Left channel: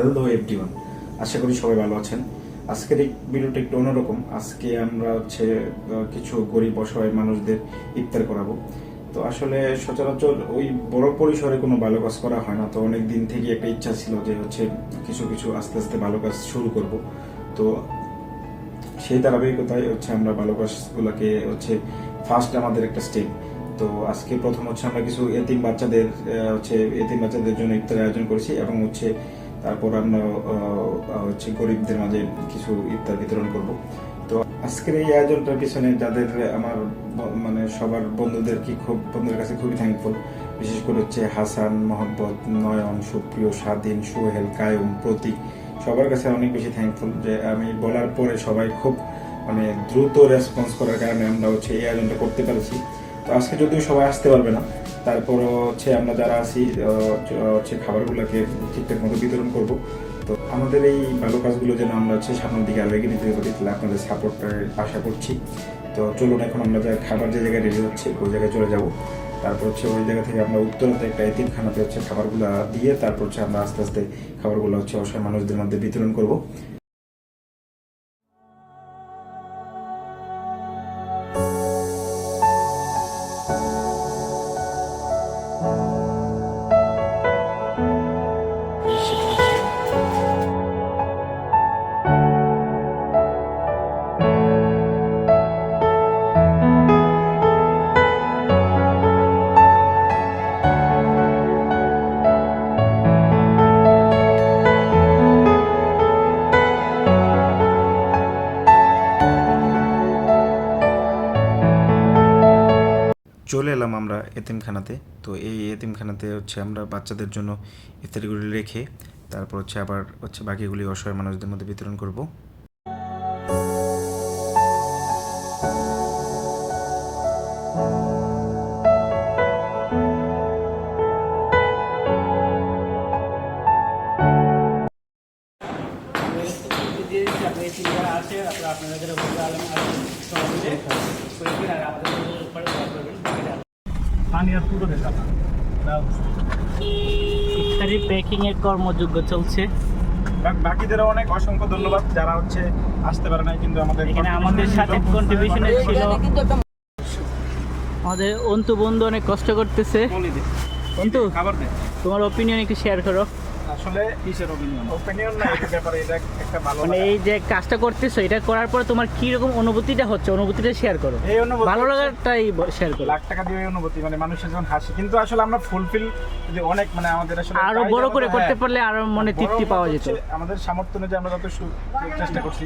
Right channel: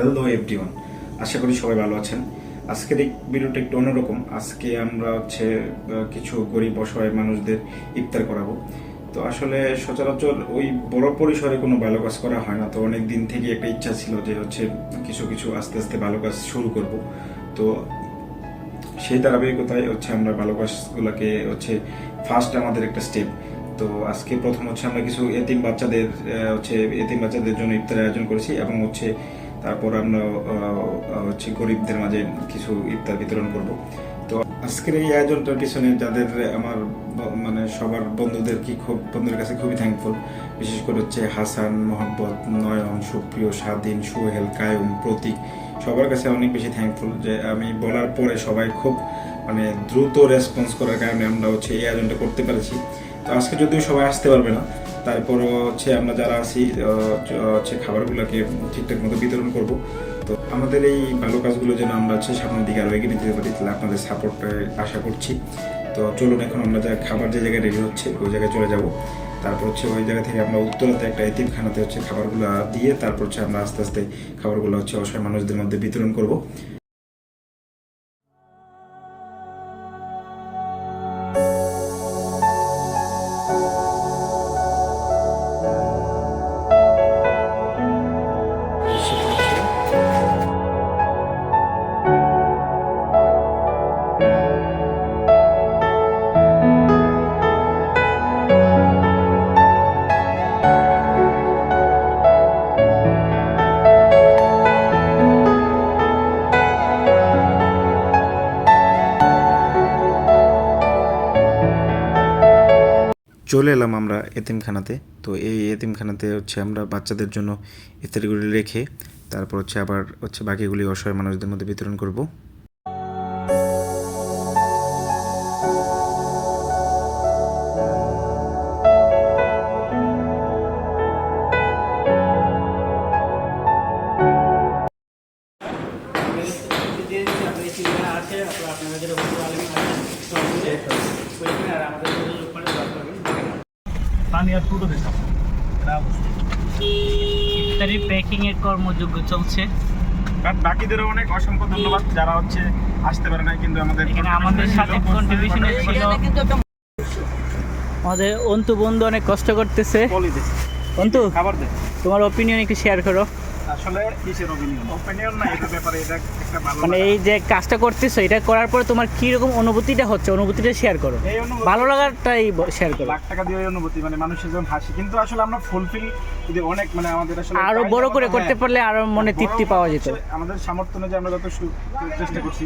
Hello everyone আশা করি সবাই ভালো আছেন। আজকের এই ভিডিওটা একটু অন্যরকম। আজকে আমরা হচ্ছে কিছু গরিব অসহায় মানুষদের ইফতার করাবো। তো আসলে সচরাচর ওই বড় পরিসরে কোনো ভালো কাজ করা হয় না। তো অনেক দিন থেকে একটা ইচ্ছা ছিল যে হচ্ছে কিছু কিছু আস্তে আস্তে ভালো কাজ শুরু করব। তো সেই ধারাবাহিকতায় হচ্ছে আমরা ভালো কাজগুলোকে হচ্ছে ফার্স্ট আমাদের একটা স্টেপ তো আজকে প্রথম হচ্ছে আমরা কিছু এতিম বাচ্চাদের হচ্ছে এতিম বাচ্চাদের জন্য ইফতারের আয়োজন করেছি এবং হচ্ছে তারপর আমরা হচ্ছে গরিবদের মাঝে কিছু ইফতার বিতরণ করব। তো আজকের এই আয়োজনটার পিছনে যাদের আমার মানে সবার বন্ধুদের কি খুব, বন্ধুদের কাছে খুবই থ্যাঙ্কফুল বিশেষ করে হচ্ছে হাসান মোহাম্মদ নয়ন, সুপ্রিয়, স্বাধীন, সোহেল, কায়ুম, প্রতীক, সবার কাছে অনেক বেশি থ্যাঙ্কফুল যে আমি বলার পরে সবাই খুব মানে দ্রুত রেসপন্স করার কারণে আমরা হচ্ছে এই আয়োজনটা করতে পেরেছি। তো আজকে যদিও সবাই আসতে পারবে না তারপরও হচ্ছে আমরা যারা আছি হচ্ছে খাবারগুলোকে ঠিকঠাক মতো বিতরণ করব। তো আমাদের এই ভালো কাজগুলো যেন আমরা হচ্ছে সামনের দিকে আরও এগিয়ে নিতে পারি, তাহলে আপনাদের সাপোর্ট আশা করছি। তো চলুন এখন আমরা যা খাবার যে জায়গায় রেডি হচ্ছে, ওই জায়গায় চলে যাব। তারপর হচ্ছে ওই জায়গা থেকে আমরা উত্তরাতে একটা এতিমখানাতে হচ্ছে খাবারগুলো দিয়ে তারপর হচ্ছে আমরা আস্তে আস্তে খাবারগুলো হচ্ছে অসহায় মানুষদের মধ্যে বিতরণ করব। চলে এলাম আমরা এতিমখানাতে। তো এই এতিমখানাতে হচ্ছে আমরা বাচ্চাদের জন্য ইত্যাদিগুলি রেখে তারপর হচ্ছে আবার হচ্ছে বাকিগুলি অসহায় মানুষদের মধ্যে বিতরণ করব। ইফতারি প্যাকিং এর কর্মযোগ্য চলছে। বাকিদেরও অনেক অসংখ্য ধন্যবাদ যারা হচ্ছে আসতে পারে নাই কিন্তু আমাদের এখানে আমাদের সাথে কন্ট্রিবিউশন ছিল। আমাদের অন্তু বন্ধু অনেক কষ্ট করতেছে। অন্তু খাবার দে। তোমার অপিনিয়ন একটু শেয়ার করো। আসলে কিসের অপিনিয়ন অপিনিয়ন না এই ব্যাপারে এটা একটা ভালো মানে এই যে কাজটা করতেছো এটা করার পর তোমার কি রকম অনুভূতিটা হচ্ছে? অনুভূতিটা শেয়ার করো। এই অনুভূতি ভালো লাগাটাই শেয়ার করো। লাখ টাকা দিয়ে অনুভূতি মানে মানুষের যখন হাসি। কিন্তু আসলে আমরা ফুলফিল যদি অনেক মানে আমাদের আসলে আরও বড় করে করতে হ্যাঁ, পারলে আরও মনে তৃপ্তি পাওয়া যেত। আমাদের সামর্থ্য অনুযায়ী আমরা যত সু- চেষ্টা করছি।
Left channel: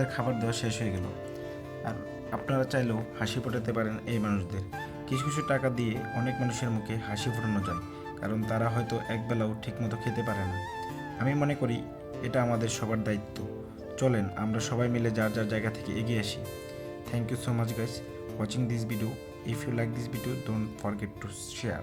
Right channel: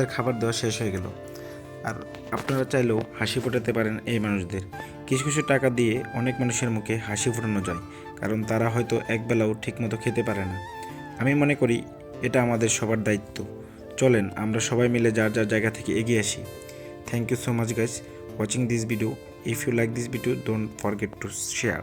আমাদের খাবার দেওয়া শেষ হয়ে গেল। আর আপনারা চাইলেও হাসি ফোটাতে পারেন এই মানুষদের। কিছু কিছু টাকা দিয়ে অনেক মানুষের মুখে হাসি ফোটানো যায়, কারণ তারা হয়তো একবেলাও ঠিকমতো খেতে পারে না। আমি মনে করি এটা আমাদের সবার দায়িত্ব। চলেন, আমরা সবাই মিলে যার যার জায়গা থেকে এগিয়ে আসি। Thank you so much guys watching this video if you like this video don't forget to share